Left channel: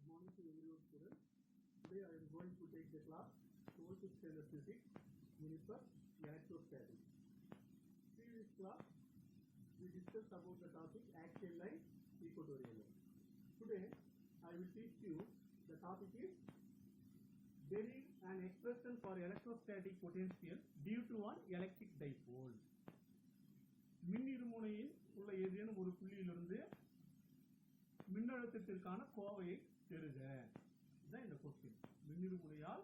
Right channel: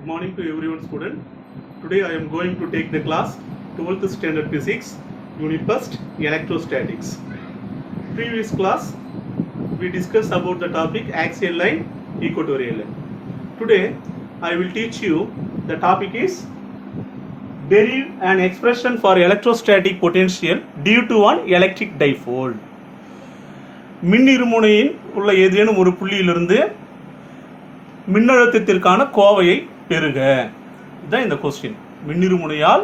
Good morning to everyone, student. Today I am going to take the class 12th standard physics, unit 1st, electrostatics. Previous class we discussed about the topic axial line, equatorial line. Today I will teach you the topic is derive an expression for electrostatic potential due to an electric dipole. மின்னிருமுனையின் உள்ள ஏதேனும் ஒரு புள்ளியிலிருந்து மின்னழுத்தத்திற்கான கோவையை பெறுக. இதுதான் இந்த question. மின்னிருமுனையால்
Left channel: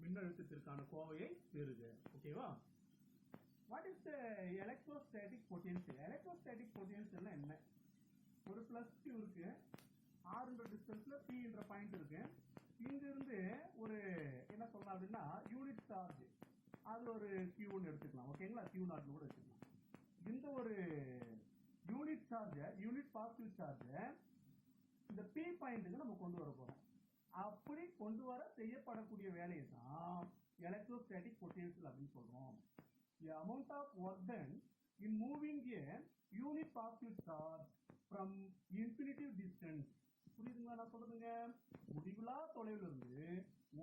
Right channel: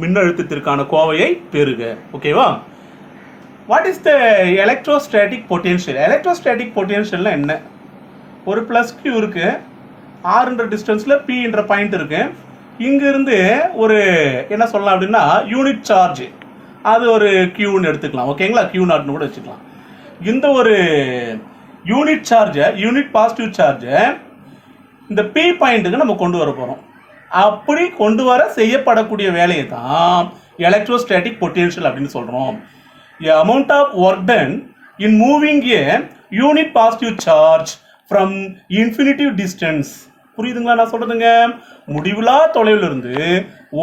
மின்னழுத்தத்திற்கான கோவையை பெறுக. ஓகேவா? What is the electrostatic potential? Electrostatic பொட்டென்ஷியல்னா என்ன? ஒரு ப்ளஸ் கியூ இருக்கு, ஆர்ன்ற டிஸ்டன்ஸில் பி என்ற பாயிண்ட் இருக்கு. இங்கிருந்து ஒரு என்ன சொல்லலாம் அப்படின்னா யூனிட் சார்ஜ், அது ஒரு கியூன்னு எடுத்துக்கலாம். ஓகேங்களா? கியூ நாட்னு கூட வச்சுக்கலாம். இந்த ஒரு யூனிட் சார்ஜை, யூனிட் பாசிட்டிவ் சார்ஜை இந்த பி பாயிண்ட்டுக்கு நம்ம கொண்டு வர போகிறோம். அப்படி கொண்டு வர செய்யப்படக்கூடிய வேலையை தான் எலக்ட்ரோஸ்டாட்டிக் பொட்டென்ஷியல் அப்படின்னு சொல்கிறோம். A amount of work done in moving a unit positive charge from infinitive distance. புரியுதுங்களா நான் சொல்கிறதுங்க? முடிவிலா தொலைவிலிருந்து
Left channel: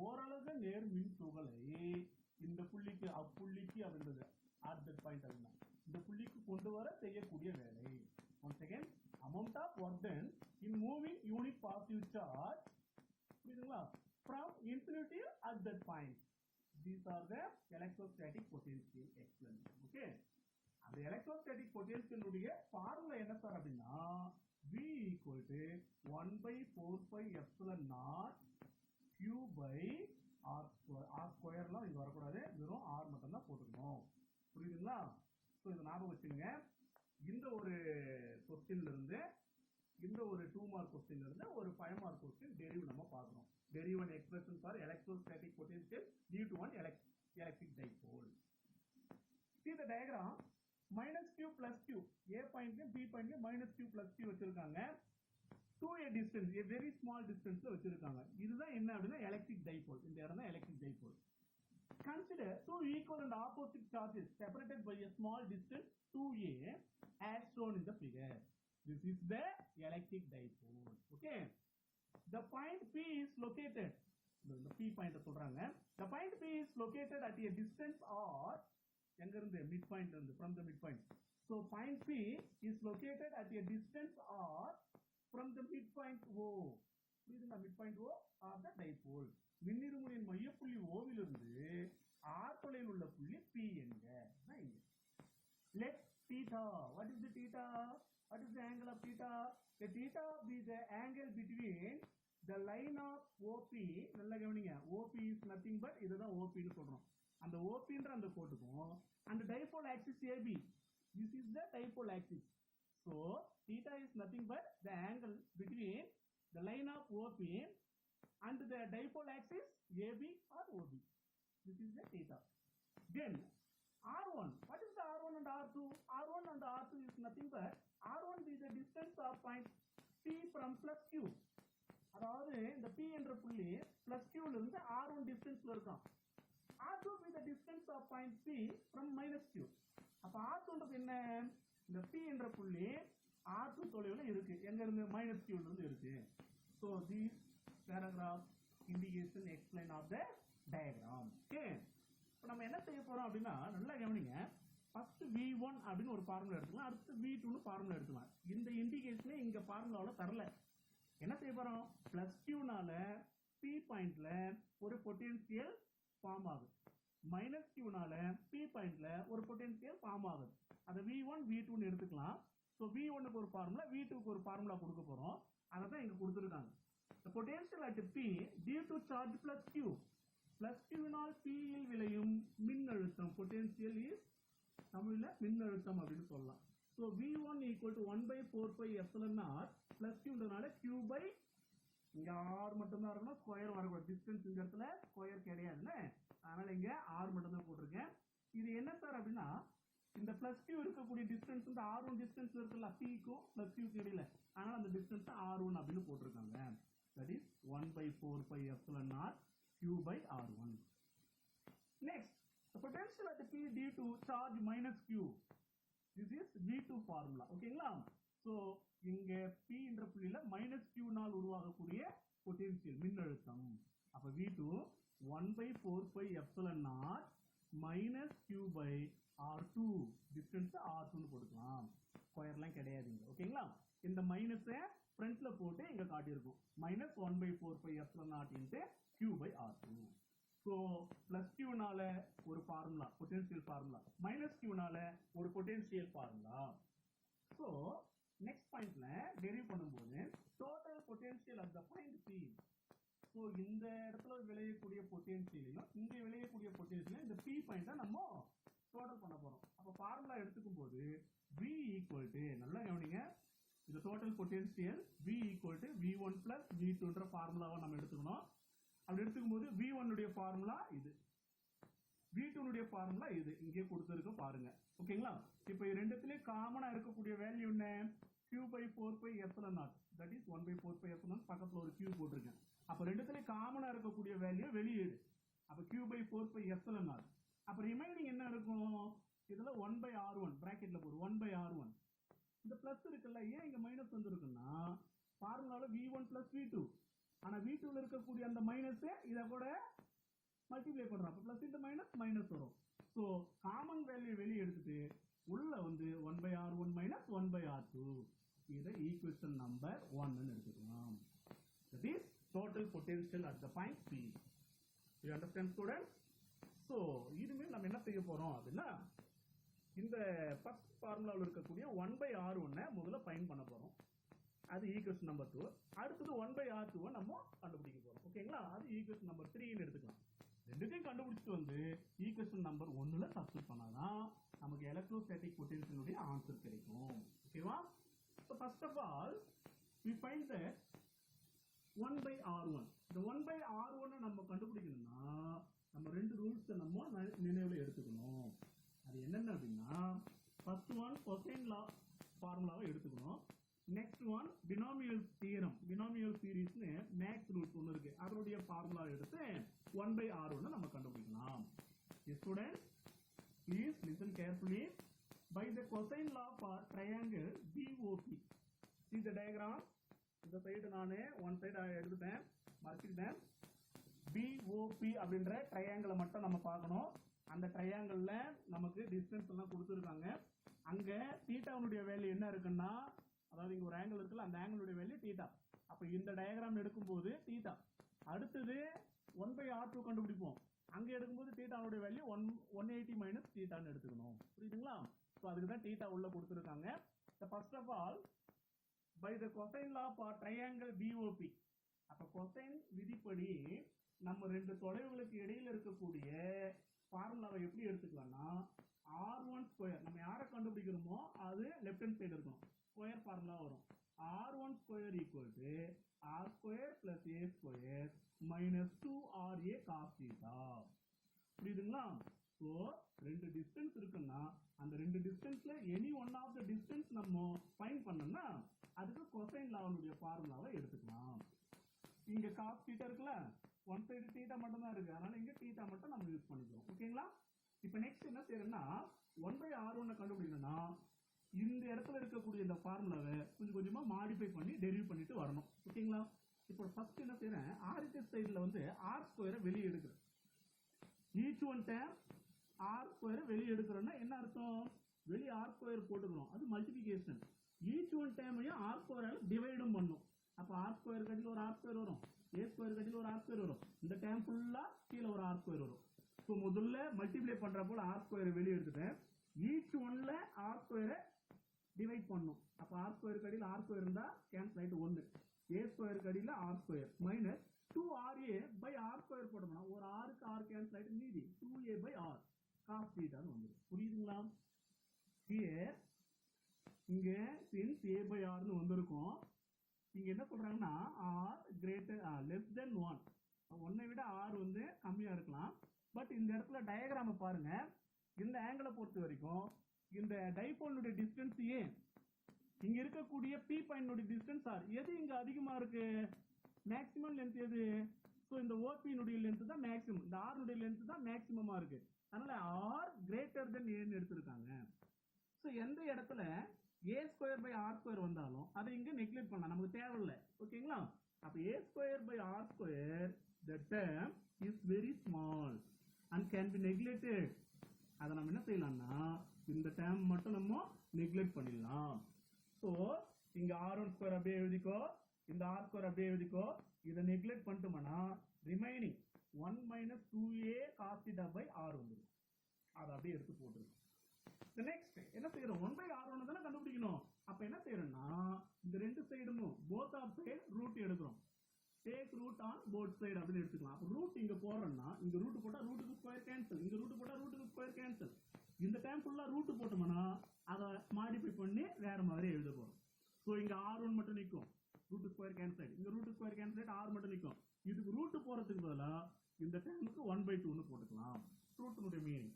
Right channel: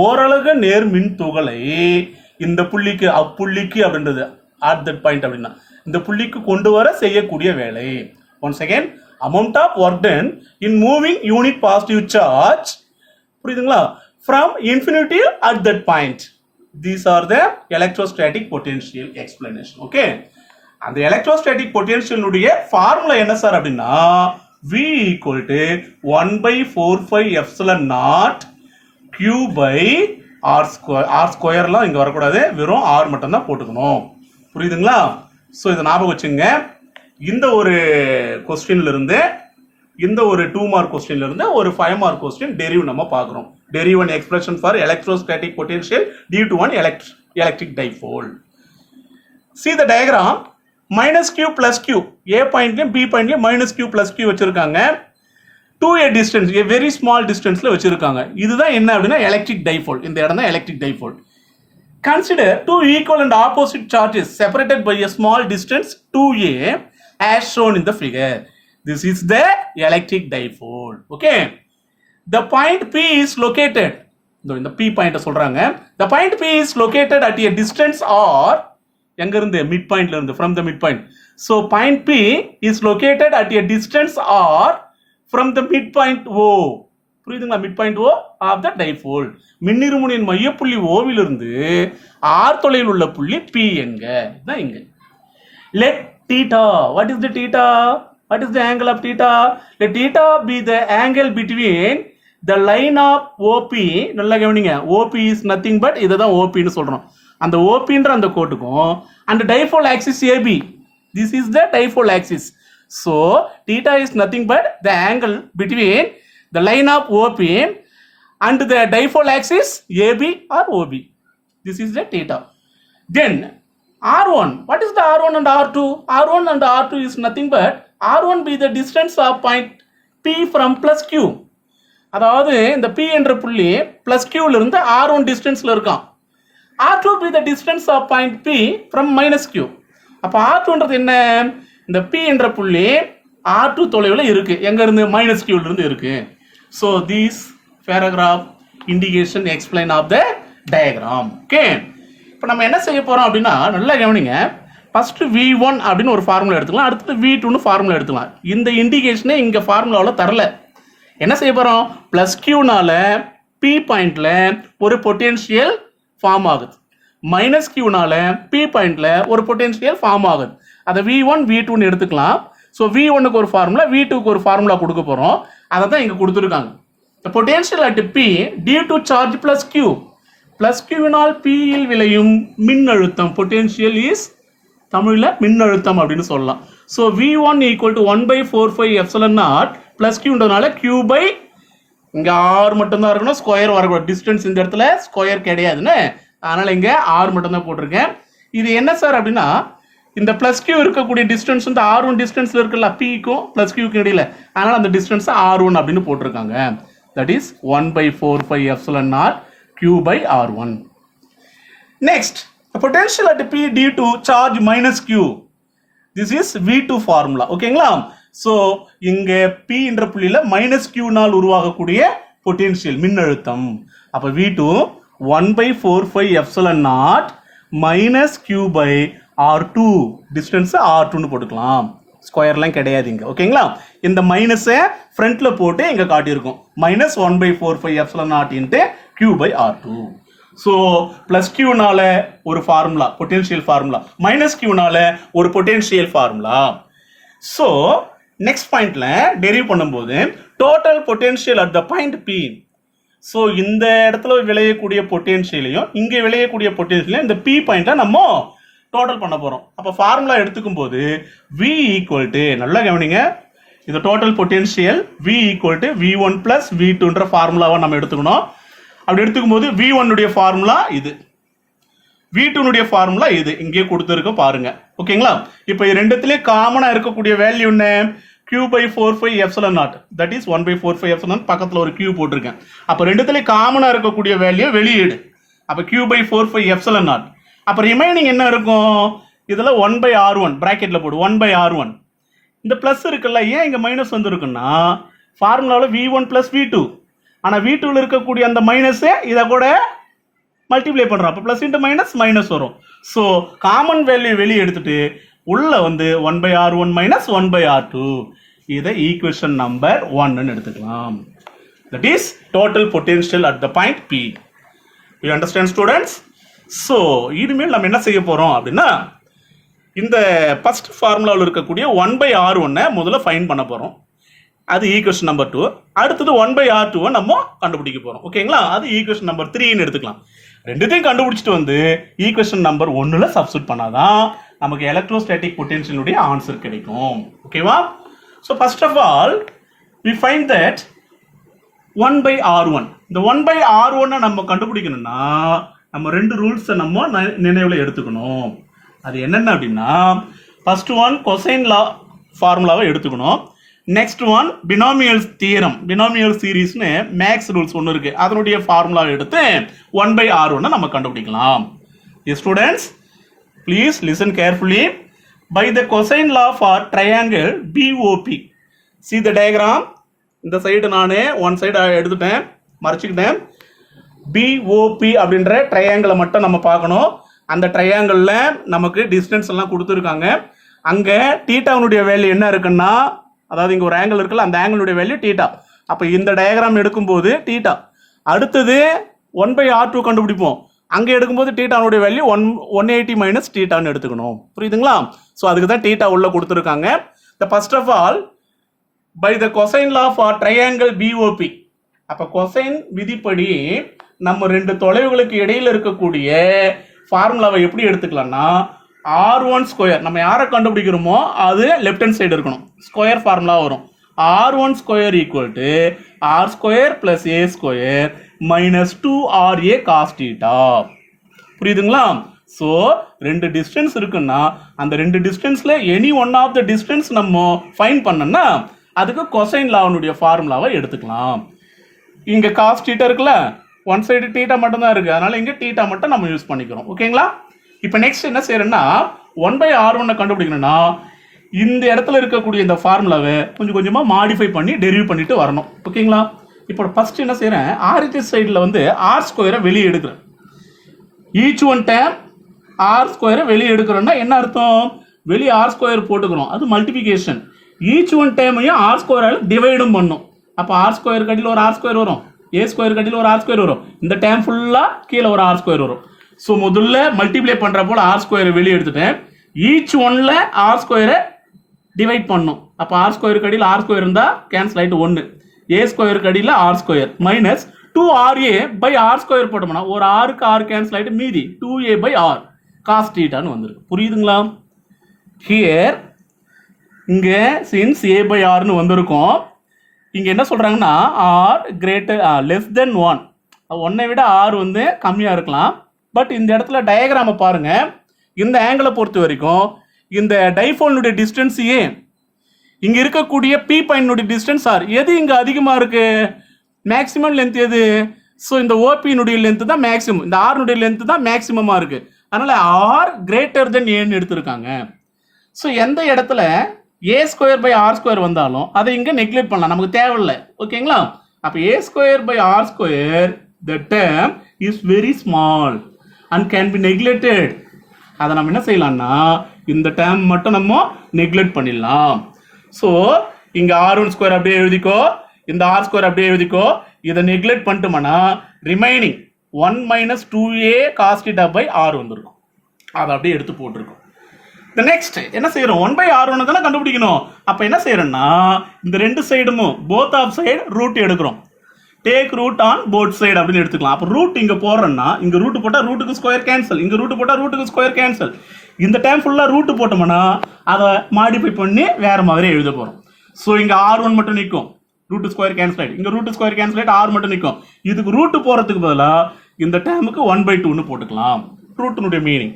ஓரளவு நேர் மின் துகளை இந்த புள்ளிக்கு அப்புள்ளிக்கு அப்படின்றது at that point அப்படின்னா இந்த புள்ளிக்கு கொண்டு வர செய்யக்கூடிய வேலை. Once again, amount of work done in moving unit positive charge, புரியுதுங்களா, from infinitive at that point. These are the electrostatic potential explanation. Okay, அந்த electrostatic potential உடைய ஃபார்முலா என்ன சார் அப்படின்னா V equal to 1/4 epsilon naught Q by R square. R ஸ்கொயர்லாம் இங்கே வரக்கூடாது, வெறும் R மட்டும் தான் போட்டுக்கணும். புரியுதுங்களா? ஸோ இதை ஞாபகம் வச்சுங்க. இந்த ஒரு கொஸ்டின்ல இருந்து, இந்த ஒரு 2 மார்க் கொஸ்டின்ல இருந்து ஒரு 5 மார்க் கொஸ்டின் டெரிவ் நம்ம பார்க்குறோம். Derive an expression for electrostatic potential due to one electric dipole. See the diagram. Minus Q plus Q, A பாயிண்ட்லையும் பி பாயிண்ட்லையும் மைனஸ் கியூ பிளஸ் கியூ வச்சிருக்காங்க. To a distance, a very small டிஸ்டன்ஸ்ல வச்சிருக்காங்க. இதுதான் என்ன அப்படின்னா எலக்ட்ரிக் டைபோல். இந்த இடம் தான் electric dipole. Consider two equal and opposite charges separated by a small distance 2a as shown in the figure. This is the electric dipole. Okay. The point P is located. இந்த P point சொல்றாங்க. The point P is located at a distance R. எங்க இருந்து? Mid பாயிண்ட்ல இருந்து, from the midpoint. So point P is located at a distance R from the midpoint O. புரியுதுங்களா? Mid point O of the dipole. மின்னிருமுனையின் மையப்புள்ளி ஓவிலிருந்து R தொலைவில் உள்ள புள்ளி P என்க. இதுதான் இங்க. Let theta. What is the theta? What is the angle of theta? Let theta be the angle between the line of OP. நல்லா கவனிங்க. OP is nothing but இதை தான் OP ன்னு சொல்றோம். அந்த OPன்ற அந்த கோட்டுக்கும் and dipole axis AB. This is the dipole axis. So theta is nothing but the angle between the line of OP and the dipole axis AB or OB. This is the theta. Then R1. What is the R1 and R2? R1 and R2 is nothing but R1 be the distance of point P from plus Q. அதாவது இந்த P என்ற புள்ளி plus Q ல இருந்து R1 டிஸ்டன்ஸ்ல இருக்கான். R2 be the distance of point P from minus Q. அப்ப R2ன்றது என்ன? இந்த P என்ற புள்ளி R2 தொலைவில் இருக்கு. எங்க இருந்து? மைனஸ் Q ல இருந்து இருக்கு. So these paragraph indication explain of the diagram. Okay, இப்போ நம்ம என்ன செய்ய போறோம் அப்படின்னா நல்லா கவனிங்க. ஃபர்ஸ்ட் V1 அப்படின்னு ஒரு ஃபார்முலா எடுத்துக்கலாம், அடுத்து V2ன்னு ஃபார்முலா எடுத்துக்கலாம். இந்த இண்டிகேஷனே இங்க ஃபார்முலாவில் தரல. என்ன செய்ய போறோம்? பிளஸ் கியூனால P பாயிண்ட்ல ஒரு பொட்டென்ஷியல் ஃபார்ம் ஆகுது, மைனஸ் கியூனால P பாயிண்ட்ல ஒரு பொட்டென்ஷியல் ஃபார்ம் ஆகுது. அதை V1 V2ன்னு எடுத்துக்கலாம். ஸோ V1க்கு ஒரு ஃபார்முலா, V2க்கு ஒரு ஃபார்முலா கொடுக்க போறோம். அதை தான் இங்க கொடுத்துருக்காங்க. The potential at P due to charge plus Q. Plus Q னால் P இல் விளையும் மின்னழுத்தம், potential is தமிழில் மின்னழுத்தம் அப்படின்னு சொல்லலாம். So V1 equal to 1/4 epsilon naught plus Qன்றதுனால Q by இங்க R மட்டும்தான் இருக்கணும், ஸ்கொயர் வரக்கூடாது. டிஸ்டன்ஸ் இந்த இடத்துல ஸ்கொயர் கிடையாதுன்னு, அதனால இங்க R மட்டும் தான் போட்டிருக்கேன். இது என்ன சார் அப்படின்னா இந்த பிளஸ் கியூ இருக்கக்கூடிய டிஸ்டன்ஸ் வந்து R1 டிஸ்டன்ஸ்ல இருக்குல்ல, Pக்கும் பிளஸ் கியூக்கும் இடையில, அதனால அந்த டிஸ்டன்ஸ் R1 அப்படின்னு போட்டிருக்காங்க. That is 1/4 epsilon naught Q by R1. Next, the potential at P due to charge minus Q. This is V2 formula. ஓகேங்களா? ஸோ இங்கே P என்ற புள்ளியில் மைனஸ் Q னால் உருவாகக்கூடிய பொட்டென்ஷியல் மின்னழுத்தம். அப்ப V2 1/4 epsilon naught minus Q by R2 distance R2ன்னு போட்டுக்கலாம். ஸ்கொயர்லாம் கிடையாது இங்க. ஓகேங்களா? இந்த மைனஸை ஃப்ரண்ட்ல போட்டு இங்க காட்டியிருக்கோம். Minus 1/4 epsilon naught into Q by R2. So plus கியூனால ஒரு ஃபார்முலா பொட்டென்ஷியல் ஃபார்முலா, மைனஸ் கியூனால ஒரு பொட்டென்ஷியல் ஃபார்முலா. ஸோ நெக்ஸ்ட் பாயிண்ட்ல டெரிவ் பண்ணும்போது total potential at the point P. So இந்த இடத்துல விளையக்கூடிய பொட்டென்ஷியலையும் இங்கே விளையக்கூடிய பொட்டென்ஷியலையும் இந்த P பாயிண்ட்ல நம்ம டோட்டல் பண்ண போறோம். அப்போ ஃபார்முலா எடுத்துக்கும் போது V ஈக்குவல் டு, நல்லா கவனிங்க, இந்த total potential V equal to V1 plus V2ன்ற ஃபார்முலாவை நம்ம எடுத்துக்கணும். அப்படி எடுத்துக்கும் போது V1 உடைய ஃபார்முலா இது, V2 உடைய ஃபார்முலா இது இங்கே கொடுத்துருக்க பாருங்க. ஓகேங்களா? இப்போ ரெண்டுத்திலே காமனா இருக்கக்கூடிய வேல்யூ என்ன? Q/4 epsilon naught, that is 1/4 epsilon, பக்கத்துல ஒரு Q போட்டிருக்கேன். அப்ப ரெண்டுத்திலே காமனா இருக்கக்கூடிய வேல்யூ வெளியீடு. அப்ப Q/4 epsilon naught. அப்ப ரிமைனிங் என்ன இருக்கும்? இதுல 1/R1 பிராக்கெட்ல போடு, 1/R1. இந்த பிளஸ் இருக்குல்ல, ஏன் இங்க மைனஸ் வந்திருக்குன்னா ஃபார்முலாவில் V1 பிளஸ் V2, ஆனா V2ல இருக்கக்கூடிய அந்த மைனஸ் இதை கூட மல்டிப்ளை பண்றோம். அப்ப பிளஸ் இன்டு மைனஸ் மைனஸ் வரும். ஸோ காமன் வேல்யூ வெளியே எடுத்துட்டு உள்ள வந்து 1/R1 மைனஸ் 1/R2, இதை ஈக்குவேஷன் நம்பர் 1 எடுத்துக்கலாம். That is total potential at the point P. You understand students? So இனிமேல் நம்ம என்ன செய்ய போறோம் அப்படின்னா, இந்த ஃபர்ஸ்ட் ஃபார்முலாவில் இருக்கக்கூடிய 1/R1 முதல்ல ஃபைண்ட் பண்ண போறோம். அது ஈக்குவேஷன் நம்பர் 2. அடுத்தது 1/R2 நம்ம கண்டுபிடிக்க போறோம். ஓகேங்களா? அது ஈக்குவேஷன் நம்பர் 3ன்னு எடுத்துக்கலாம். ரெண்டுத்தையும் கண்டுபிடிச்சிட்டு வந்து ஈக்குவேஷன் நம்பர் 1ல சப்ஸ்டிட் பண்ணாதான் நமக்கு எலக்ட்ரோஸ்டாட்டிக் பொட்டென்ஷியலுடைய ஆன்சர் கிடைக்கும். ஓகேவா? So first of all we find that 1/R1. இந்த 1/R1 நம்ம கண்டுபிடிக்கணும்னா நம்ம ரெண்டு ரூல்ஸை நம்ம நினைவில் எடுத்துக்கணும். அது என்னென்ன அப்படின்னா, ஃபர்ஸ்ட் ஒன் கொசைன் லா ஃபார்முலாவை எடுத்துக்கணும். Next one binomial theorem, binomial சீரீஸ்னு மேக்ஸ் ரூல்ஸ் ஒன்று இருக்கு, அதனுடைய ஃபார்முலாவை எடுத்து 1/R1 நம்ம கண்டுபிடிக்கலாம். Students please listen carefully. By the cosine law for triangle BOP, see the diagram. இந்த சைடு நான் ஒன் சைடு எடுத்துட்டேன், மறைச்சிக்கிட்டேன். BOP அப்படின்ற ட்ரையாங்கிளை மட்டும் நம்ம பார்க்கணும். அந்த ட்ரையாங்கிளில் நமக்கு டிஸ்டன்ஸ் எல்லாம் கொடுத்துருக்காங்க. அங்கே தீட்டாவுடைய வேல்யூ என்ன இருக்குன்னா, அதாவது இங்கே ஒரு ஆங்கிள் இருக்குல்ல, அந்த ஆங்கிளுடைய வேல்யூ தீட்டா. அப்போ இந்த டயக்ராம் எடுக்கும்போது தீட்டா. அடுத்தது 1/R2 கண்டுபிடிப்போம். அங்கே எடுக்கும்போது தீட்டாவுடைய வேல்யூ 180 மைனஸ் தீட்டான்னு எடுத்துக்கணும். புரியுதுங்களா? ஸோ அதுக்கு தான் தீட்டா உள்ள கொடுத்துருக்காங்க. The first of all by the cosine law for triangle BOP. அப்போ கொசைன் விதிப்படி நம்ம ரெண்டு தொலைவுகளுக்கு இடையில இருக்கக்கூடிய ஃபார்முலாவை எப்படி எடுத்துக்கலாம்னா, R1 ஸ்கொயர், நம்ம யாரை கண்டுபிடிக்கிறோமோ அது லெஃப்ட் ஹேண்ட் சைடு இருக்கணும், ஸ்கொயர் ஃபார்முலா வரும். R1 square equal to R square plus A square minus 2RA cos theta. புரியுதுங்களா? ஸோ ரெண்டு டிஸ்டன்ஸ் இருக்குன்னா அந்த ரெண்டு டிஸ்டன்ஸ்ல any one of the distance நம்ம ஃபைண்ட் பண்ணோம்னா அதுக்கு கொசைன் லாவுடைய ஃபார்முலாவை எடுத்துக்கலாம். இங்க காஸ் தீட்டா இருக்குல்ல, ஒன் சைடு தீட்டா மட்டும் தான் இருக்கு, அதனால இங்க தீட்டா மட்டும் நம்ம யூஸ் பண்ணிக்கிறோம். ஓகேங்களா? இப்போ நெக்ஸ்ட் என்ன செய்யறேன்னா, 1/R1 கண்டுபிடிக்கணும்னா இந்த இடத்துல இருக்கக்கூடிய இந்த ஃபார்முலாவை கொஞ்சம் கொஞ்சமா மாடிஃபை பண்ணி டெரிவ் பண்ணிட்டு வரணும். ஓகேங்களா? இப்போ ஃபர்ஸ்ட் என்ன செய்யறேன், RHS சைடில் வந்து R ஸ்கொயரை வெளியே எடுக்கிறேன். ஈச் ஒன் டைம் R ஸ்கொயரை வெளியே எடுக்கிறோம்னா என்ன அர்த்தம், வெளியே R ஸ்கொயர் போட்டுக்கிறோம், அது மல்டிபிகேஷன். ஈச் ஒன் டைமையும் R ஸ்கொயரால் டிவைடும் பண்ணும். அப்போ R ஸ்கொயர் கட்டியில் ஒரு R ஸ்கொயர் வரும், A ஸ்கொயர் கட்டியில் ஒரு R ஸ்கொயர் வரும், இந்த டைம் ஃபுல்லாக கீழே ஒரு R ஸ்கொயர் வரும். ஸோ முதல்ல மல்டிப்ளை பண்ணுற போல் R ஸ்கொயரை வெளியே எடுத்துட்டேன். ஈச் ஒன்ல R ஸ்கொயரை டிவைட் பண்ணும். அப்போ R ஸ்கொயர் கடியில் R ஸ்கொயர் இருந்தால் கேன்சல் ஆகிட்டு 1, A ஸ்கொயர் கடியில் R square minus 2RA by R square போட்டோம்னா ஒரு ஆருக்கு R கேன்சல் ஆகிட்டு மீதி 2A பை R காஸ் தீட்டான்னு வந்துருக்கு. புரியுதுங்களா? ஹியர் இங்கே சின்ஸ் A பை Rன்னு வந்திருக்கும். இங்கே என்ன சொல்கிறாங்கன்னா R கிரேட்டர் லெஸ் தென் 1, 1ஐ விட R வந்து கம்மியாக இருக்கலாம். பட் இந்த இடத்துல டயக்ராமை பாருங்க, இந்த ஆங்கிளை பொறுத்த வரைக்கும் இந்த டைபோலுடைய டிஸ்டன்ஸ் ஏ, இங்க இருக்கக்கூடிய P பாயிண்ட் டிஸ்டன்ஸ் R, எது இங்க அதிகமா இருக்கு, மேக்ஸிமம் லென்த் எது? ஸோ இந்த OP-னுடைய லென்த் தான் மேக்ஸிமம், இந்த R-னுடைய லென்த் தான் மேக்ஸிமமா இருக்கு. அதனால R கிரேட்டர் தென் ஏன்னு எடுத்திருக்காங்க. ஸோ எந்த இடத்துல A square by R square வந்தாலும் அதை இங்க நெக்லெக்ட் பண்ணலாம், நமக்கு தேவையில்லை. ஓகேங்களா? அப்போ a square by r square the term is very small and can be neglected. அதை நம்ம என்ன செய்யலாம்னா இந்த டேர்ம் மட்டும் நம்ம நெக்லெக்ட் பண்ணிடலாம். ஸோ இங்க r1 ஸ்கொயர் அப்படியே எழுதிக்கோ, இந்த r ஸ்கொயர் அப்படியே எழுதிக்கோ. இதை நெக்லெக்ட் பண்ணிட்டோம்னா remaining 1 minus 2a cos theta by r வந்துருக்கும். அதை அப்படியே எடுத்து போட்டிருக்கோம். The next என்ன செய்யறோம், 1 by r1 தானே கண்டுபிடிக்கணும். அப்ப என்ன செய்யறோம்னா இந்த ரெண்டு சைடும் both of side ரூட் எடுக்கிறோம். Take root on both side அப்படின்னு எடுத்துக்கலாம். அப்போ ரூட் இங்க போடுறோம்னா இங்க ரூட் போட்டா ரூட்டுக்கு ஸ்கொயர் கேன்சல், இங்க ரூட் போட்டா ரூட்டுக்கு ஸ்கொயர் கேன்சல். இந்த டைம் ஃபுல்லா ரூட் போட்டோம்னா அதை மாடிஃபை பண்ணி வேற மாதிரி எழுத போறோம். ஸோ இங்க r1 மட்டும் நிற்கும், ரூட் ஸ்கொயர் கேன்சல் ஆயிட்டு, இங்க ரூட் ஸ்கொயர் கேன்சல் ஆயிட்டு r மட்டும் நிற்கும். இதுக்கு ரூட் போறதுக்கு பதிலாக இந்த டைமுக்கு 1/2 போட்டுக்கலாம். ரூட்டினுடைய meaning.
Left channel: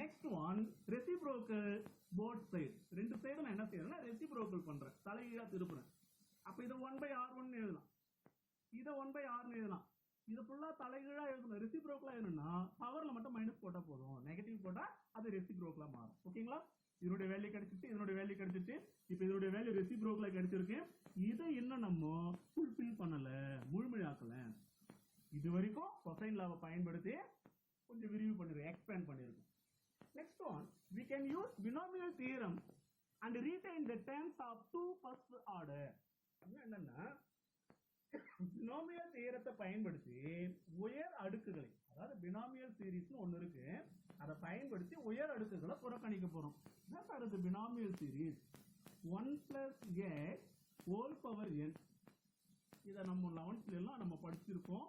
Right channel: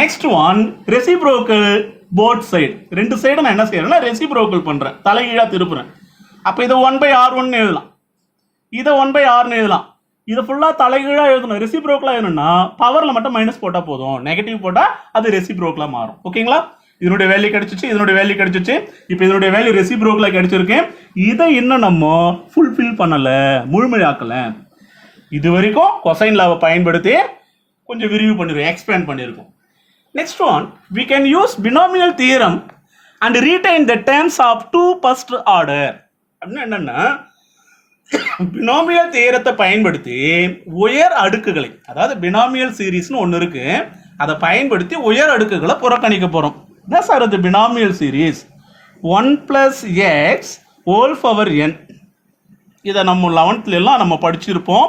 Next one reciprocal both side. ரெண்டு சைடு நான் என்ன செய்யறேன்னா ரெசிப்ரோக்கல் பண்றேன், தலைகீழா திருப்புறேன். அப்ப இதை 1/r1 எழுதலாம், இதை 1/r எழுதலாம். இதை ஃபுல்லா தலைகீழா எழுதணும். ரெசிப்ரோக்கலா எழுதணும்னா பவர்ல மட்டும் மைனஸ் போட்டா போதும், நெகட்டிவ் போட்டா அது ரெசிப்ரோக்கலா மாறும். ஓகேங்களா? இதனுடைய வேல்யூ கிடைச்சிச்சு, இதனுடைய வேல்யூ கிடைச்சிச்சு. இப்போ இதனுடைய வேல்யூ ரெசிப்ரோக்கலா கிடைச்சிருக்கு. இதை இன்னும் நம்ம ஃபுல்ஃபில் பண்ணல, முழுமையாக்கல. இது வரைக்கும் கொசைன் லாவை பயன்படுத்தி கொஞ்சம் விரிவு பண்ணிருக்கோம், எக்ஸ்பேண்ட் பண்ணிருக்கோம். Next one, we can use binomial theorem and retain the terms of two first order. அப்படின்னா என்னன்னா பினாமியல் தியரத்தை பயன்படுத்தி உயர் அடுக்குகளை, அதாவது பினாமியல் சீரீஸ்னு ஒன்று இருக்கு, அதை பயன்படுத்தி உயர் அடுக்குகளை புறக்கணிக்க போறோம். Thus are the binomial series 1 plus x whole power n. இதை நம்ம 11th எல்லாம் நம்ம படிச்சிருப்போம்.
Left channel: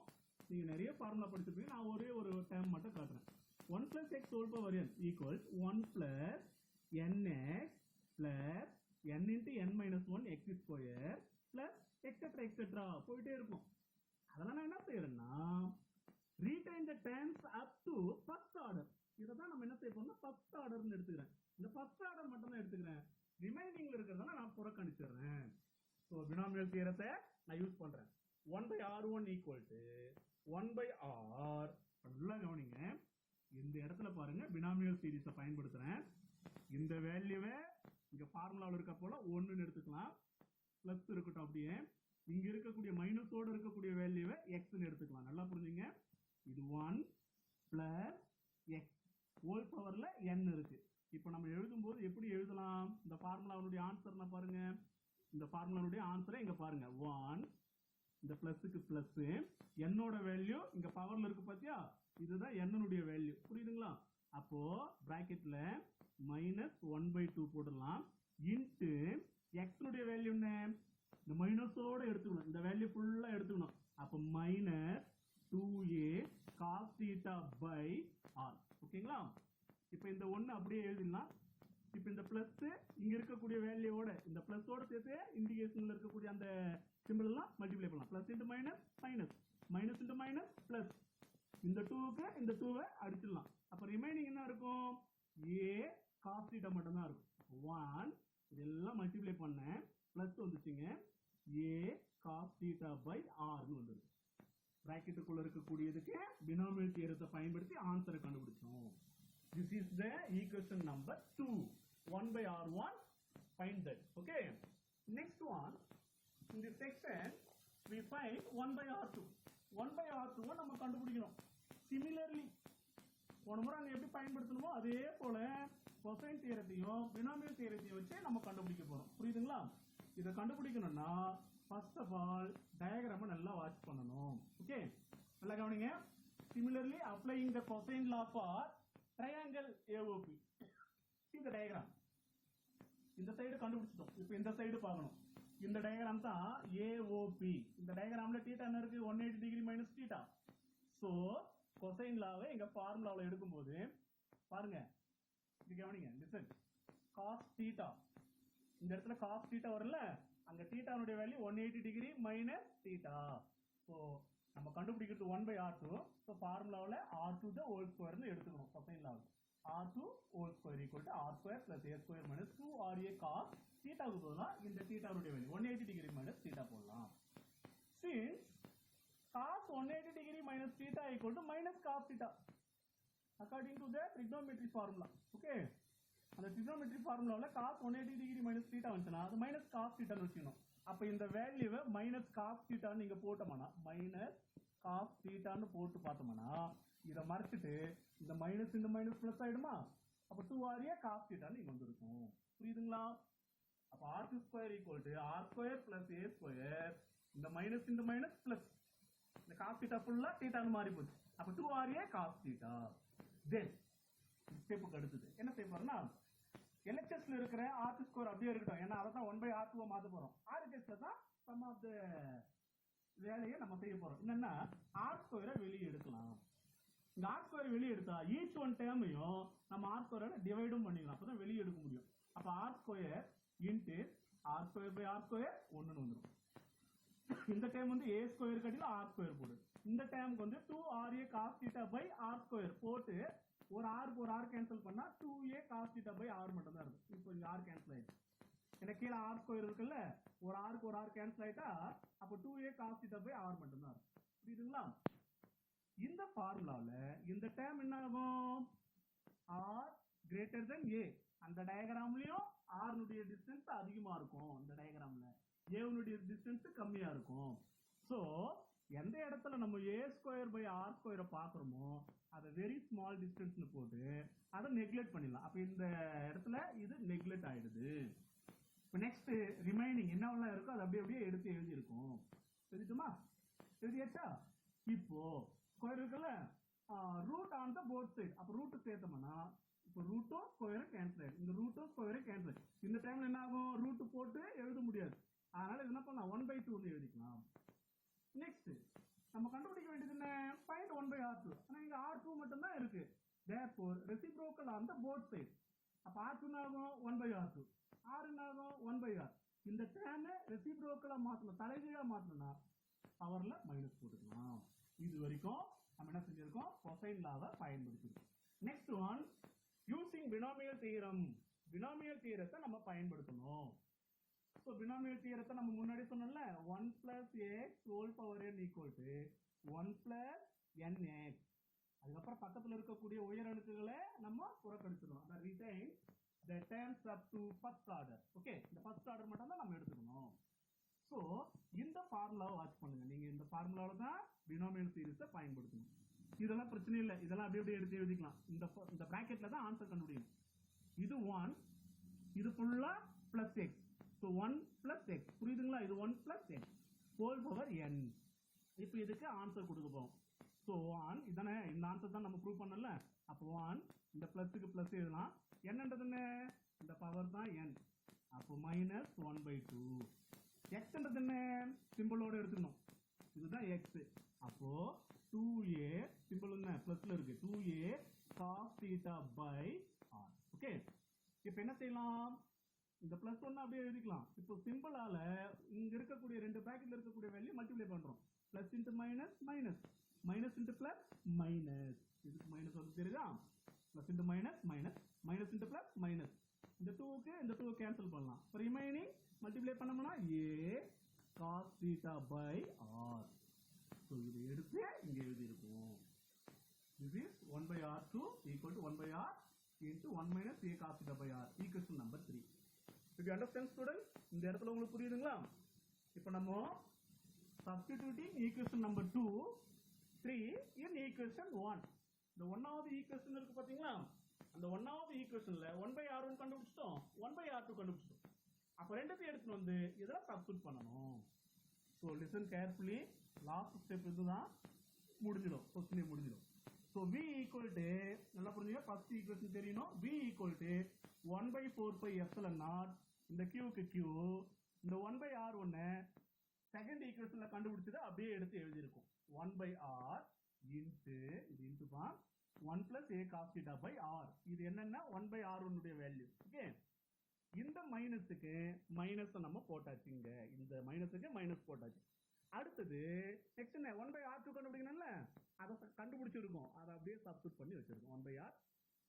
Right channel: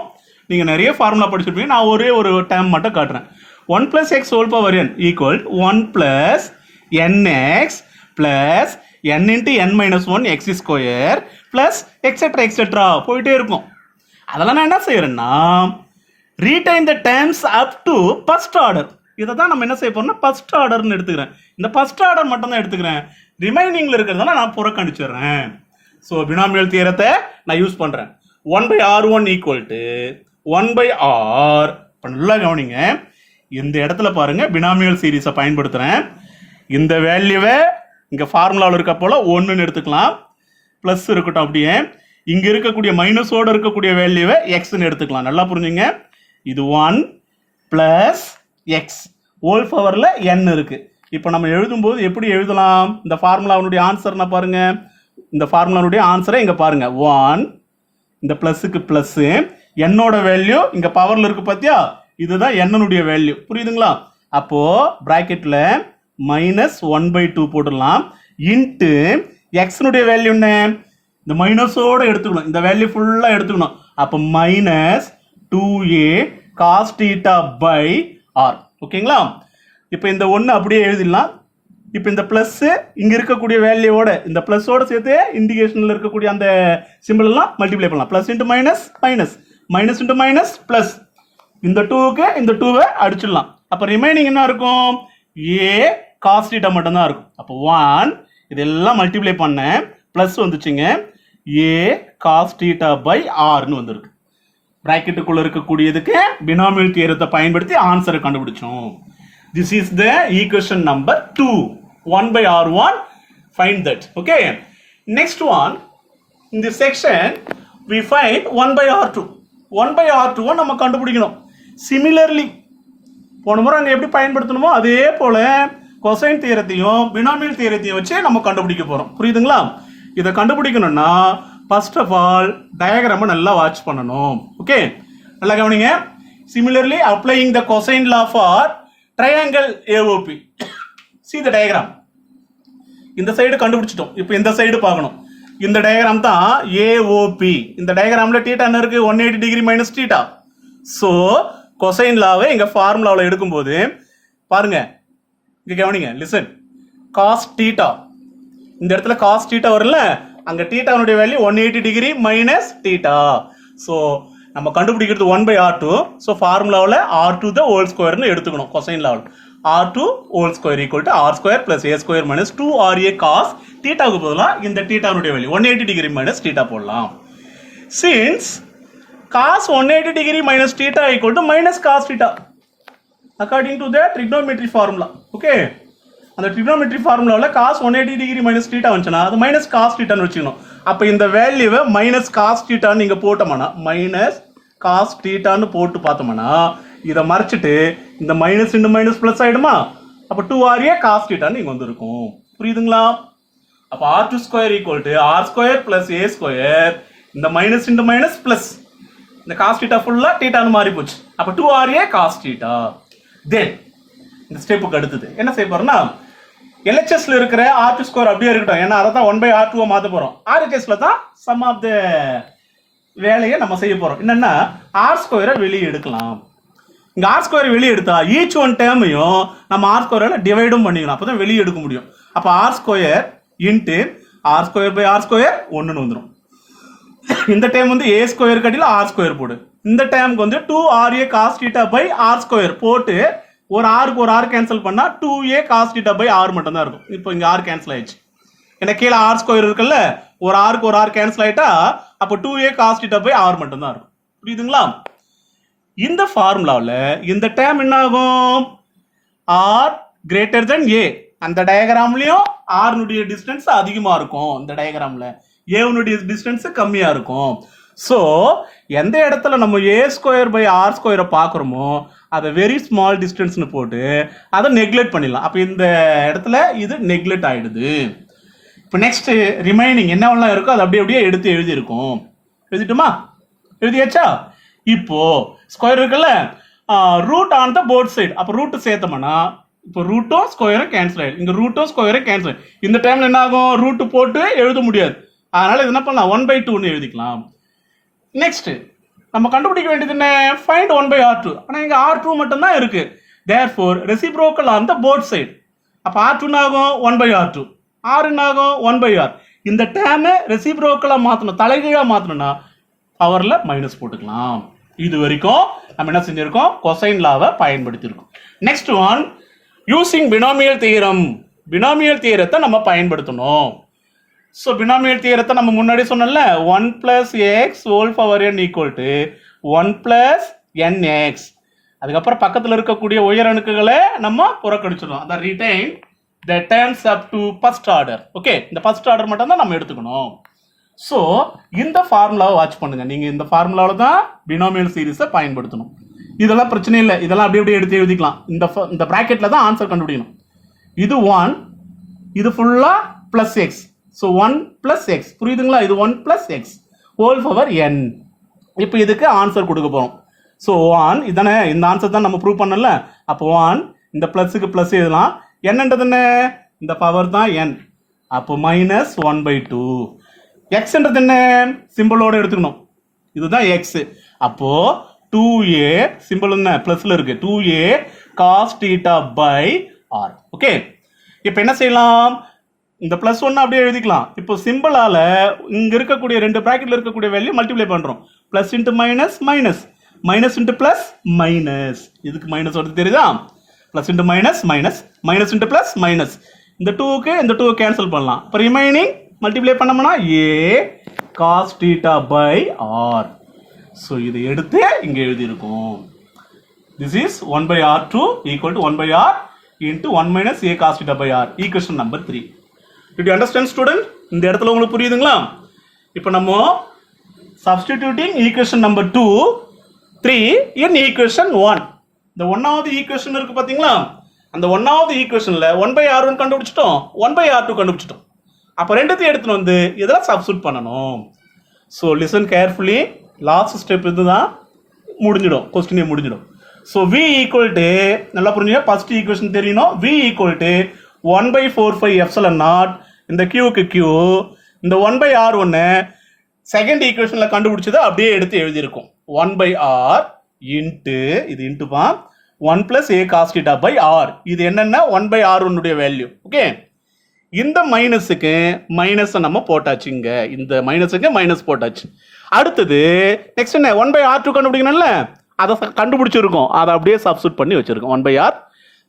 நீங்க நிறைய ஃபார்முலா படிச்சிருப்பீங்க. நான் ஒரே ஒரு டேர்ம் மட்டும் காட்டுறேன். 1 plus x whole power n equal 1 plus nx plus n into n minus 1 x square plus etc etc போயிட்டே இருக்கும். அதெல்லாம் நான் என்ன செய்யறேன்னா retain the terms up to first order. இதை தான் நம்ம என்ன செய்ய போறோம்னா ஃபர்ஸ்ட் ஆர்டர்னு எடுத்துக்கிறேன். இந்த ஃபர்ஸ்ட் ஆர்டர் மட்டும் தான் எடுத்துக்கிறேன், ரிமைனிங்ல இருக்கிறதெல்லாம் நான் புறக்கணிச்சிடுறேன். ஸோ பினாமியல் தியரத்தை நான் யூஸ் பண்றேன். 1/r1 equal to 1/r. இப்போ நல்லா கவனிங்க, இந்த இடத்துல பாருங்க பினாமியல் சீரீஸை பயன்படுத்துறேன். இந்த வேல்யூவை இங்க ஃபார்முலாவில் இருக்க போல 1ன்னு எடுத்துக்கலாம், பிளஸ் இருக்கட்டும். அப்படியே இங்க இருக்கக்கூடிய மைனஸோட இருக்கக்கூடிய வேல்யூவை எக்ஸ்ன்னு எடுத்துக்கலாம். நல்லா புரிஞ்சுங்க, இது 1 பிளஸ் எக்ஸ் ஹோல் பவர்ல n இருக்கு. இப்போ நம்ம எழுதும்போது எப்படி எழுதலாம், இந்த ஃபார்முலாவுடைய ஆன்சர்னா பாருங்க, இந்த ஃபார்முலாவுடைய ஆன்சரை இங்க பாருங்க. 1 இந்த பிளஸுக்கு பிளஸ், என்னோட வேல்யூ இங்க பவர்ல இருக்கு பாத்தியா, இதுதான் என்னுடைய வேல்யூ. புரியுதுங்களா? அப்போ பிராக்கெட்ல மைனஸ் 1/2 போட்டுடலாம். இன்ட்டு எக்ஸ்னுடைய வேல்யூ என்ன, இந்த மைனஸோட எடுத்துக்கணும், இந்த வேல்யூ ஃபுல்லா எடுத்துக்கணும். அப்போ minus 2a cos theta by r. ஓகேங்களா? இப்போ இந்த 1 அப்படியே எழுதிடலாம். இப்போ இந்த பிளஸ் இங்க இருக்கக்கூடிய வேல்யூவோட இந்த பிளஸோட சேர்த்து இண்டிகேஷன்ல இருக்கக்கூடிய அந்த சிம்பிள் எல்லாம் மல்டிப்ளை பண்ணலாம். Plus into minus minus, minus into minus plus, இந்த 2க்கு இந்த 2வை அடிச்சிடலாம். அப்போ ரிமைனிங் என்ன இருக்கும், a cos theta மட்டும் தான் இருக்கும். அப்போ 1 இதெல்லாம் மல்டிப்ளை பண்ணேன், பிளஸ் வந்துச்சுங்க, a cos theta by rன்னு வந்திருக்கு. பிராக்கெட்டுக்குள்ள இருக்கக்கூடியதுக்கு பினாமியல் தியரத்தை பயன்படுத்தி ஆன்சரை கண்டுபிடிச்சோம். This is the equation number 2. 1/r1. Find that. Okay. Next one, in this section we find 1/r2. 1/r2 நம்ம கண்டுபிடிக்கணும். Similarly, போன முறை அங்க எப்படி பயன்படுத்தணுமோ அதே போல கொசைன் தியரத்தையும் பினாமியல் தியரத்தையும் வச்சு நம்ம கண்டுபிடிக்க போறோம். புரியுதுங்களா? இதை கண்டுபிடிக்கணும்னா ஃபர்ஸ்ட் ஆஃப் ஆல் டயக்ராமை நல்லா வாட்ச் பண்ணணும். ஓகே, நல்லா கவனிங்க. Similarly, applying the cosine law for triangle AOP. See the diagram. இந்த சைடு கண்டுபிடிச்சிட்டோம். இப்போ இந்த சைடு பார்க்கணும். இந்த டயக்ராம் தான் AOP. இந்த டயக்ராம்ல θ என்ன இருக்கு, 180 டிகிரி மைனஸ் θ. ஸோ கொசைன் லாவை எங்க ஃபார்முலாவில் எடுக்கும்போது பாருங்க, இங்க கவனிங்க, லிசன். காஸ் θ, இந்த இடத்துல காஸ் θ வரல, அங்க θனுடைய வேல்யூ 180 டிகிரி மைனஸ் θ. ஸோ நம்ம கண்டுபிடிக்கிறது 1/r2. ஸோ ஃபார்முலாவில் r2 the whole squareன்னு எடுத்துக்கணும். கொசைன் லாவில் r2 whole square equal to r square plus a square minus 2ra cos θ-க்கு பதிலாக இந்த θனுடைய வேல்யூ 180 டிகிரி மைனஸ் θ போடலாம். Since cos 180 degree minus theta equal to minus cos theta according to the trigonometry formula. Okay, அந்த trigonometry formula cos 180 degree minus theta வந்துச்சுனா அது minus cos theta ன்னு வெச்சுக்கணும். அப்போ இந்த வேல்யூவை மைனஸ் காஸ் தீட்டான்னு நீங்கள் போட்டோம்னா மைனஸ் காஸ் தீட்டான்னு போட்டு பார்த்தோம்னா இதை மறைச்சிட்டு இந்த மைனஸ் இன்டு மைனஸ் ப்ளஸ் ஆகிடுமா? அப்போ 2RA காஸ் தீட்டான்னு இங்கே வந்துருக்கும். புரியுதுங்களா? அப்போ R2 square equal to R square plus A square, இந்த மைனஸ் இன்டு மைனஸ் ப்ளஸ், இந்த காஸ் தீட்டா ஃபுல்லாக தீட்டான்னு மாறி போச்சு. அப்போ 2RA காஸ் தீட்டா. தென் இந்த ஸ்டெப்புக்கு அடுத்தது என்ன செய்ய போறோம்னா, LHSல இருக்கிற R2 ஸ்கொயர் அப்படியே இருக்கட்டும், ஏன்னா அதை தான் 1/R2 மாற்ற போறோம். RHSல தான் சம் ஆஃப் த வேலையை நம்ம செய்ய போறோம். என்னன்னா R ஸ்கொயரை வெளியே எடுக்கலாம். இங்க R ஸ்கொயரை வெளியே எடுத்தா ஈச் ஒன் டேர்மையும் நம்ம R ஸ்கொயரால டிவைடும் பண்ணிக்கணும், அப்பதான் வெளியே எடுக்க முடியும். அப்ப R square into R square by R square 1ன்னு வந்துடும். இந்த டைம் வந்து A ஸ்கொயர் கட்டில R ஸ்கொயர் போடு. இந்த டைமுக்கு வந்து 2RA cos θ பை R ஸ்கொயர் போட்டு ஒரு ஆருக்கு ஒரு ஆர் கேன்சல் பண்ணா 2A cos θ பை R மட்டும் தான் இருக்கும். இப்போ இங்க R கேன்சல் ஆயிடுச்சு, ஏன்னா கீழே R ஸ்கொயர் இருக்குல்ல, ஒரு ஆருக்கு ஒரு ஆர் கேன்சல் ஆயிட்டா அப்போ 2A cos θ பை R மட்டும் தான் இருக்கும். புரியுதுங்களா? இந்த ஃபார்முலாவில் இந்த டேம் என்ன ஆகும்? R greater than A. அந்த டயக்ராம்லயும் R னுடைய டிஸ்டன்ஸ் அதிகமா இருக்கும், இந்த டயக்ராம்ல A னுடைய டிஸ்டன்ஸ் கம்மியா இருக்கும். ஸோ எந்த இடத்துல நம்ம A ஸ்கொயர் பை R ஸ்கொயரை பார்க்குறோமோ அதை வெரி ஸ்மால் டிஸ்டன்ஸ்னு போட்டு அதை நெக்லெக்ட் பண்ணிடலாம். அப்போ இந்த இடத்துல இது நெக்லெக்ட் ஆயிடுது. இப்போ நெக்ஸ்ட் ரிமைனிங் என்னவெல்லாம் இருக்கோ அதை அப்படியே எடுத்து எழுதியிருக்கோம். எழுதிட்டுமா? எழுதியாச்சா? இப்போ ஸ்கொயர் இருக்குல்ல, root on the both side. அப்போ ரூட் சேர்த்தோம்னா இப்போ ரூட்டும் ஸ்கொயரும் கேன்சல் ஆயிடும். இங்கே ரூட்டும் ஸ்கொயரும் கேன்சல் ஆயிடும். இந்த டைம்ல என்ன ஆகும்? ரூட்டு போட்டு எழுத முடியாது, அதனால இது என்ன பண்ணலாம்? 1/2ன்னு எழுதிக்கலாம். நெக்ஸ்ட் நம்ம கண்டுபிடிக்க வேண்டியது என்ன? Find 1/R2. ஆனால் இங்கே R2 மட்டும் தான் இருக்கு. Therefore reciprocal on the both side. அப்போ R2 ஆகும் 1/R2, R ஆகும் 1/R. இந்த டேமை ரெசிப்ரோக்கலாக மாற்றணும், தலைகீழாக மாற்றணும்னா பவரில் மைனஸ் போட்டுக்கலாம். இது வரைக்கும் நம்ம என்ன செஞ்சிருக்கோம்? கொசைன் லாவை பயன்படுத்தியிருக்கோம். Next one using binomial theorem. Binomial தியரத்தை நம்ம பயன்படுத்தணும். ஸோ பினாமியல் தியரத்தை நம்ம முன்னாடி சொன்னோம்ல, 1 + x whole power n equal to 1 + nx. அதுக்கப்புறம் பக்கத்தில் இருக்கக்கூடிய உயர் அணுக்குகளை நம்ம புறக்கணிச்சிடணும். அதான் retain the terms up to first order. Okay, இந்த ஃபர்ஸ்ட் ஆர்டர் மட்டும் தான் நம்ம எடுத்துக்கணும். ஸோ இந்த ஃபார்முலாவை வாட்ச் பண்ணுங்க. நீங்க இந்த ஃபார்முலாவில் தான் பினாமியல் சீரிஸை பயன்படுத்தணும். இதெல்லாம் பிரச்சனை இல்லை, இதெல்லாம் அப்படியே எடுத்து எழுதிக்கலாம். இந்த பிராக்கெட்ல தான் ஆன்சர் கண்டுபிடிக்கணும். இது 1, இது ஃபுல்லா பிளஸ் எக்ஸ். So 1 + x. புரியுதுங்களா? இது 1 + x ஹோல் பவர் n. இப்போ இதுக்கு ஆன்சர் கொடுக்க போறோம். ஸோ 1 இதானே, இந்த ஆன்சர் தான் நம்ம ப்ரூவ் பண்ணல. அப்போ 1 இந்த பிளஸுக்கு பிளஸ் எழுதலாம். என்னன்றது என்ன? இந்த பவர் தான் n. அப்போ -1/2. எக்ஸ்ன்றது என்ன? சிம்பிளோட எடுத்துக்கணும். இதுதான் எக்ஸ். அப்போ 2a சிம்பிள் என்ன? பிளஸ்ல இருக்கு. 2a cos θ பை r. ஓகே, இப்போ என்ன செய்யலாம்? இந்த +1 அப்படியே எழுதிக்கலாம். இப்போ சிம்பிளால இங்க இருக்கக்கூடிய ரெண்டு பிராக்கெட்ல இருக்கக்கூடிய வேல்யூ மல்டிப்ளை பண்றோம். Plus into minus minus, minus into plus minus. இதுக்கு மைனஸ் வருது தெரியுதா? Plus into minus minus, minus into plus minus. இந்த 2க்கு இந்த 2 கேன்சல் பண்ணலாம். இப்போ ரிமைனிங் மல்டிப்ளை பண்ணோம்னா a cos θ பை r. ஸோ இதை எடுத்து இங்க எழுதியிருக்கோம். This is 1/R2 equal to 1/R into 1 - a cos θ by r. Equation number 3. Did you understand, student? இந்த இடத்துல உங்களுக்கு புரியுதுங்களா? இப்போ நம்ம substituting equation number 2, 3 in equation 1. இந்த 1வது ஈக்குவேஷன் இருக்கு பாத்தீங்களா? அந்த 1வது ஈக்குவேஷன்ல 1/R1 கண்டுபிடிச்சிட்டோம், 1/R2 கண்டுபிடிச்சிட்டோம். அப்போ ரெண்டுத்தையும் எடுத்துட்டு வந்து இதெல்லாம் சப்ஸ்டிட்யூட் பண்ணணும். So listen carefully. Last step இதுதான், முடிஞ்சிடும், கொஸ்டினே முடிஞ்சிடும். ஸோ v ஈக்குவல் டு, நல்லா புரிஞ்சுங்க, ஃபர்ஸ்ட் ஈக்குவேஷன் தெரியணும். v equal to 1/4π epsilon naught, இந்த q q, இந்த 1/R1 செகண்ட் ஈக்குவேஷன்ல கண்டுபிடிச்சதை அப்படியே எடுத்து எழுதியிருக்கோம். 1/R இன்ட்டு, இது இன்ட்டுப்பா, 1 + a cos θ பை r. இது என்னன்னா 1/R1 உடைய வேல்யூ. ஓகே, இந்த மைனஸுக்கு மைனஸை நம்ம போட்டாச்சு. இங்க இந்த மைனஸுக்கு மைனஸ் போட்டாச்சு. அடுத்தது நெக்ஸ்ட் என்ன? 1/R2 கண்டுபிடிக்கணும்ல, அதை கண்டுபிடிச்சிருக்கோம், அதை அப்படியே சப்ஸ்டிட்யூட் பண்ணி வச்சிருக்கோம். 1/R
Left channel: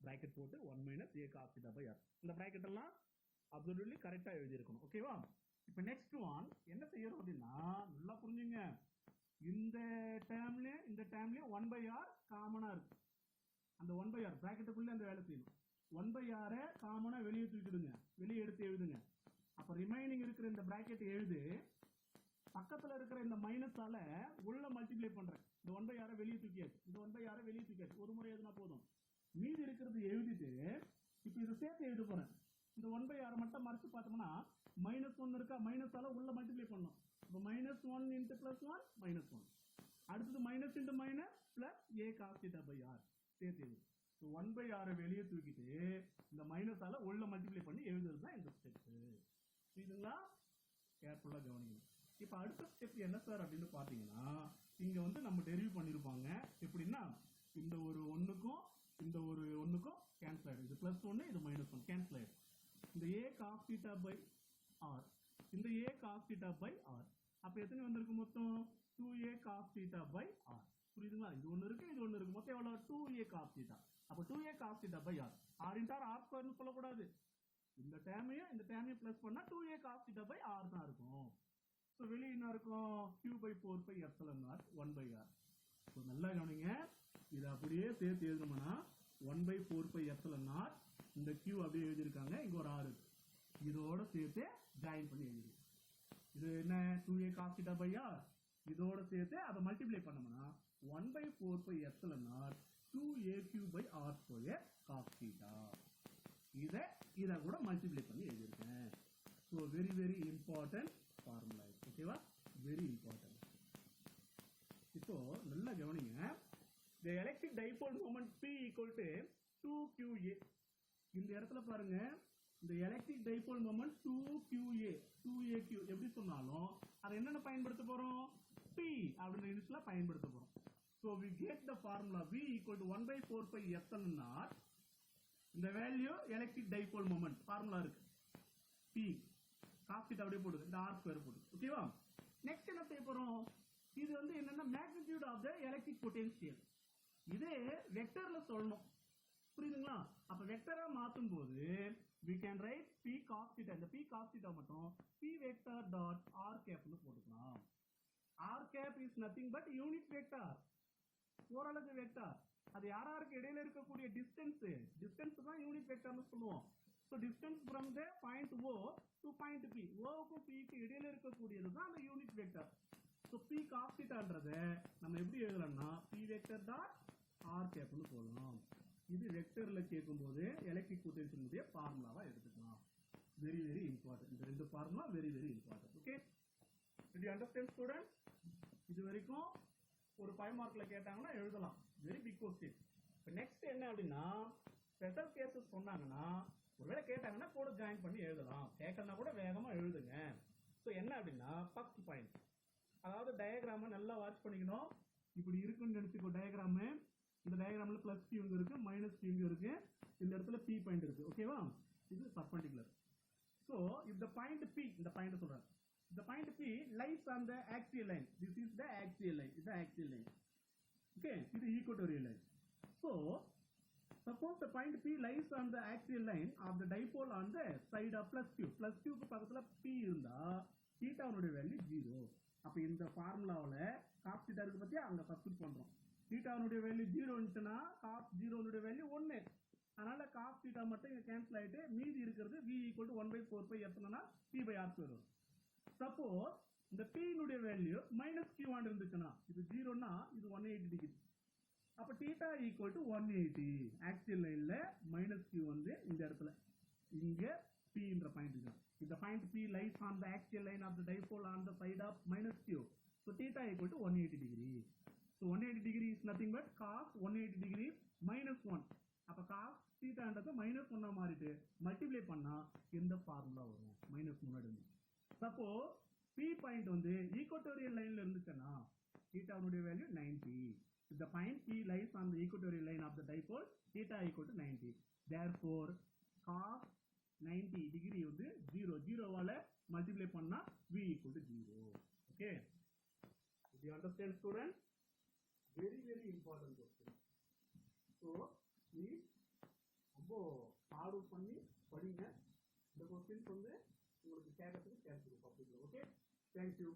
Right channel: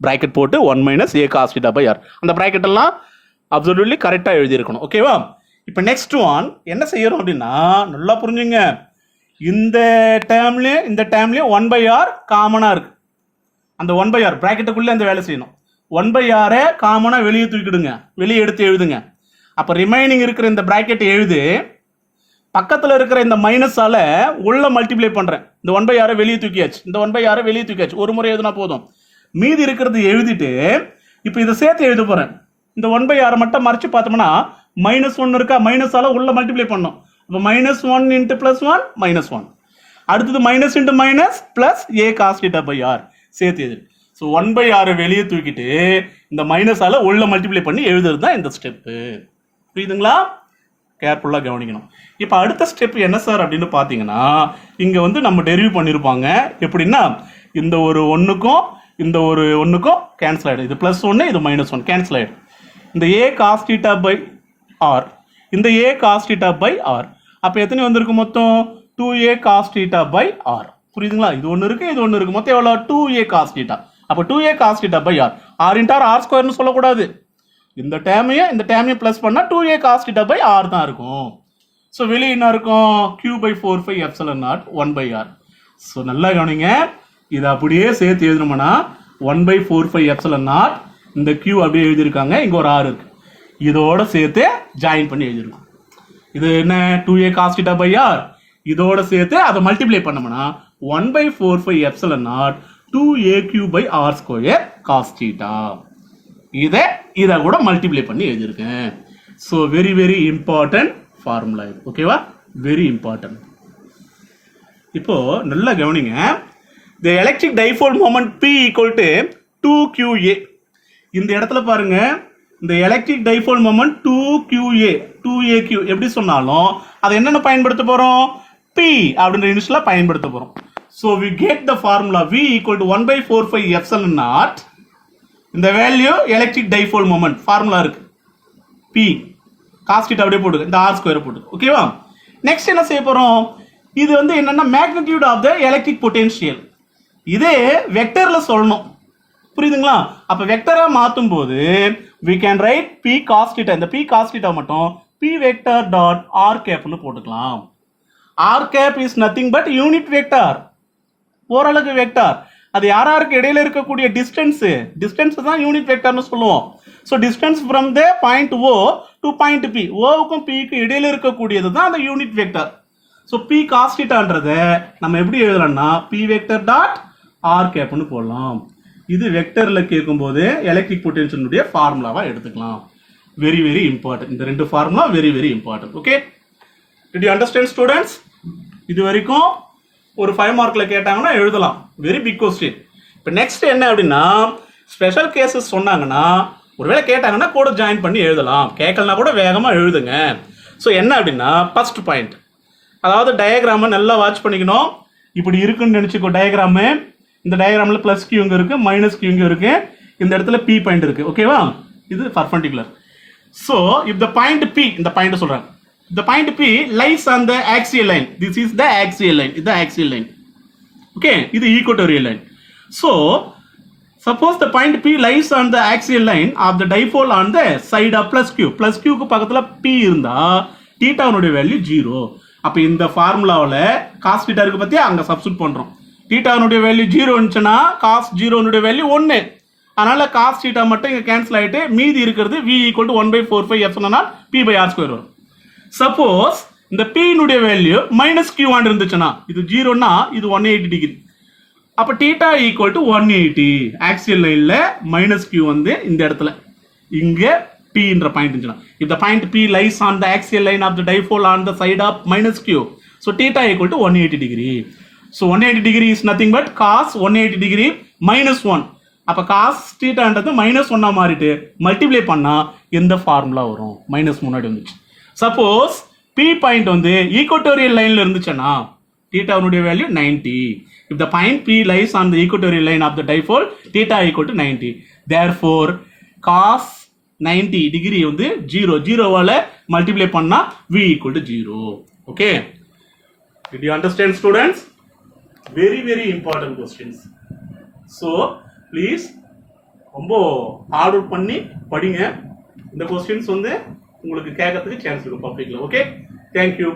பிராக்கெட் போட்டு 1 - a cos θ பை r. அந்த பிராக்கெட் எல்லாம் அப்சல்யூட்லி கரெக்டா எழுதி இருக்கணும். ஓகேவா? இப்போ நெக்ஸ்ட் ஒன் என்ன செய்யறோம் அப்படின்னா, நல்லா புரிஞ்சுங்க, இந்த டேர்ம்லயும் 1/R காமனா இருக்கு. அந்த 1/R பிராக்கெட்டுக்குள்ள அந்த வேலை செய்யணும். 1/R காமனா வெளியே தூக்கிடுங்க, வெளியே எடுத்து எழுதுங்க. அப்போ ரிமைனிங் இருக்கிற இந்த பிராக்கெட் எழுது, பக்கத்தில் இருக்கிற இந்த மைனஸால் உள்ள மல்டிப்ளை பண்ணுறேன். இந்த 1/6 வெளியே தூக்கியாச்சு, இந்த 1/6 வெளியே தூக்கியாச்சு, ஒரு முறை எழுதுனா போதும். மீதி இருக்கிறது எழுதிட்டு இப்போ இதை சேர்த்து எழுத போகிறேன். இந்த 1/6 மட்டும் மறைச்சு பார்த்தோம்னா -1 இருக்கா, மைனஸால் உள்ள மல்டிப்ளை பண்ணோம். அப்போ -1 × +1 -1. அடுத்தது minus into minus plus a cos θ/r சேர்த்து எழுது. ஸோ 1/6 வெளியே தூக்கிட்டு இந்த மைனஸால் உள்ள மல்டிப்ளை பண்ணி எழுதுறது தான் இந்த ஸ்டெப்பு. புரியுதுங்களா? கேர்ஃபுல்லாக கவனிக்கணும். இப்போ அடுத்த ஸ்டெப் என்ன சார் அப்படின்னு பார்த்தீங்கன்னா, இங்கே வந்து நம்ம டெரிவ் பண்ணியிருப்பாங்க. எப்படின்னா இந்த ஒரு ஒன்றுக்கும் இந்த ஒரு ஒன்றுக்கும் கேன்சல் ஆகிடும். இது +1, இது -1 கேன்சல் ஆகிடும். இந்த a cos θ/r, இந்த a cos θ/r, அப்போ எத்தனை வந்திருக்கு மொத்தம்? 2a cos θ/r. புரியுதுங்களா? இது ஒன்று இருக்குது, இது ஒன்று இருக்குது, மொத்தம் எவ்வளோ? 2a cos θ. அப்போ 2a cos θ/r, r × r² சொல்லக்கூடாது. இந்த டேமையும் ப்ளஸ் பண்ணால் 2a cos θ/r தான் இருக்கும். ஸோ வெளியே என்ன இருக்கும்? q/4πε0 1/r. ஸோ நல்லா கவனிங்க, இதை அப்படியே சேர்த்து எழுதணும்னா 1/4πε0, இந்த q அப்படியே எழுதியிருக்காங்க, இங்கே ஒரு r இருக்கு, இதோட சேர்த்து ஜாயின் பண்ணி எழுதிருக்கோம். இது என்ன? 2a cos θ/r, இதோட சேர்த்து அதை மல்டிப்ளை பண்ணோம்னா 1/4πε0 2aq/r² cos θ. இதை கூட மல்டிப்ளை பண்ணி எழுதியிருக்கேன். So very very important formula இது. ஓகேவா? Very important. இப்போ நல்லா கவனிங்க. தி electric dipole moment P = 2qa. இந்த இடத்துல பாருங்க, இந்த electric dipole moment 2qa 2aq எப்படி சொன்னாலும் அதை என்னென்ன பயன்படுத்த போகிறோம்? P அப்படின்ற யூனிட்ஸில் பயன்படுத்த போகிறோம். So we get the formula V = 1/4πε0. இந்த value electric dipole moment formula இருக்கு. P cos θ அப்படியே போட்டுருக்கு, இந்த r² போட்டு. ஓகேவா? நெக்ஸ்ட் என்ன செய்ய போகிறோம்? இது வந்து என்னன்னா magnitude of the electric potential. இதே வெக்டரில் சொல்லணும். புரியுதுங்களா? அப்போ வெக்டராக மாற்றும் போது we can write P cos θ. இந்த P cos θ மட்டும் P vector dot r capனு போட்டுக்கலாம். r cap is nothing but unit vector, ஓரலகு வெக்டார். அது யாருக்கு இடையில இருக்கக்கூடிய டிஸ்டன்ஸ் தான் யூனிட் வெக்டார்னு சொல்லுவோம். So distance from the point O to point P, ஓவுக்கும் Pக்கு இடையில இருக்கக்கூடியது தான் அந்த unit vector. So P cos θன்றதை நம்ம எப்படி எழுதலாம்னா P vector dot r capனு போடலாம். இது வெக்டரில் கேட்கும்போது எலக்ட்ரிக் பொட்டென்ஷியலுடைய ஃபார்முலாவாக எடுத்துக்கலாம். Very very important. இந்த ரெண்டு formula very very important. Okay, did you understand students? இது வரைக்கும் ஒரு 5 மார்க்கில் கேட்டாங்கன்னா எழுதலாம். Very big question. இப்போ நெக்ஸ்ட் என்ன அப்படின்னா, ஸ்பெஷல் கேசஸ் சொன்னாங்கன்னா ஒருவேளை கேட்டாங்கன்னா கூட ஜாயின் பண்ணி எழுதலாம், கேட்கலனா கூட வேகமாக எழுதுங்க. ஸோ என்ன அப்படின்னா, ஃபர்ஸ்ட் பாயிண்ட், அதாவது டயக்ராமை நல்லா வாட்ச் பண்ணிக்கணும். இப்படி இருக்குன்னு நினச்சிக்கோ டயக்ராமு. இந்த டயக்ராமில் ப்ளஸ் கியூ இங்கே இருக்குது, மைனஸ் கியூ இங்கே இருக்குது, இந்த இடத்துல P பாயிண்ட் இருக்குது. ஓகேவா? இது perpendicular. So if the point P, இந்த பாயிண்ட் சொல்கிறேன், the point P lies on the axial line. This is the axial line. இது axial line. Okay, இது equatorial line. So suppose the point P lies on the axial line of the dipole on the side of plus Q. Plus Q க்கு பக்கத்துல P இருந்தா தீட்டாவுடைய value 0. அப்ப இந்த ஃபார்முலாவில் cos θ இருக்கு பத்தியா, அங்க சப்ஸ்டிட் பண்றோம். தீட்டாவுடைய வேல்யூ 0 இருந்துச்சுன்னா cos 0 வேல்யூ 1. அதனால cos θ மட்டும் இங்க கேன்சல் ஆயிட்டு மீதி இருக்கிறது V = 1/4πε0 P/r² வரும். சப்போஸ் இந்த P னுடைய வேல்யூ -q ஆண்டு இருந்துச்சுன்னா, இது 0னா இது 180 டிகிரி. அப்போ θ = 180. ஆக்சியல் லைனில் -q வந்து இந்த இடத்துல, இங்கே P என்ற பாயிண்ட் இருந்துச்சுன்னா, if the point P lies on the axial line of the dipole on the side of -q, so θ = 180 degree. So 180 degree is nothing but cos 180 degree -1. அப்போ cos θன்றது -1 மாறிட்டு multiply பண்ணால் எந்த ஃபார்முலா வரும்? Minus முன்னாடி வந்துச்சு. Suppose P point வந்து equatorial லைனில் இருந்துச்சுன்னா θனுடைய value 90. If the point P lies on the equatorial line of the dipole, θ = 90. Therefore cos 90 degree வந்து 0வால மல்டிப்ளை பண்ணா V = 0. Okay, did you understand students? Very very important questions. So please ரொம்ப hard work பண்ணி படிங்க. இந்த questions வந்து உங்களுக்கு கேட்கறதுக்கு chance இருக்கும் பப்ளிக்ல. Okay, thank you.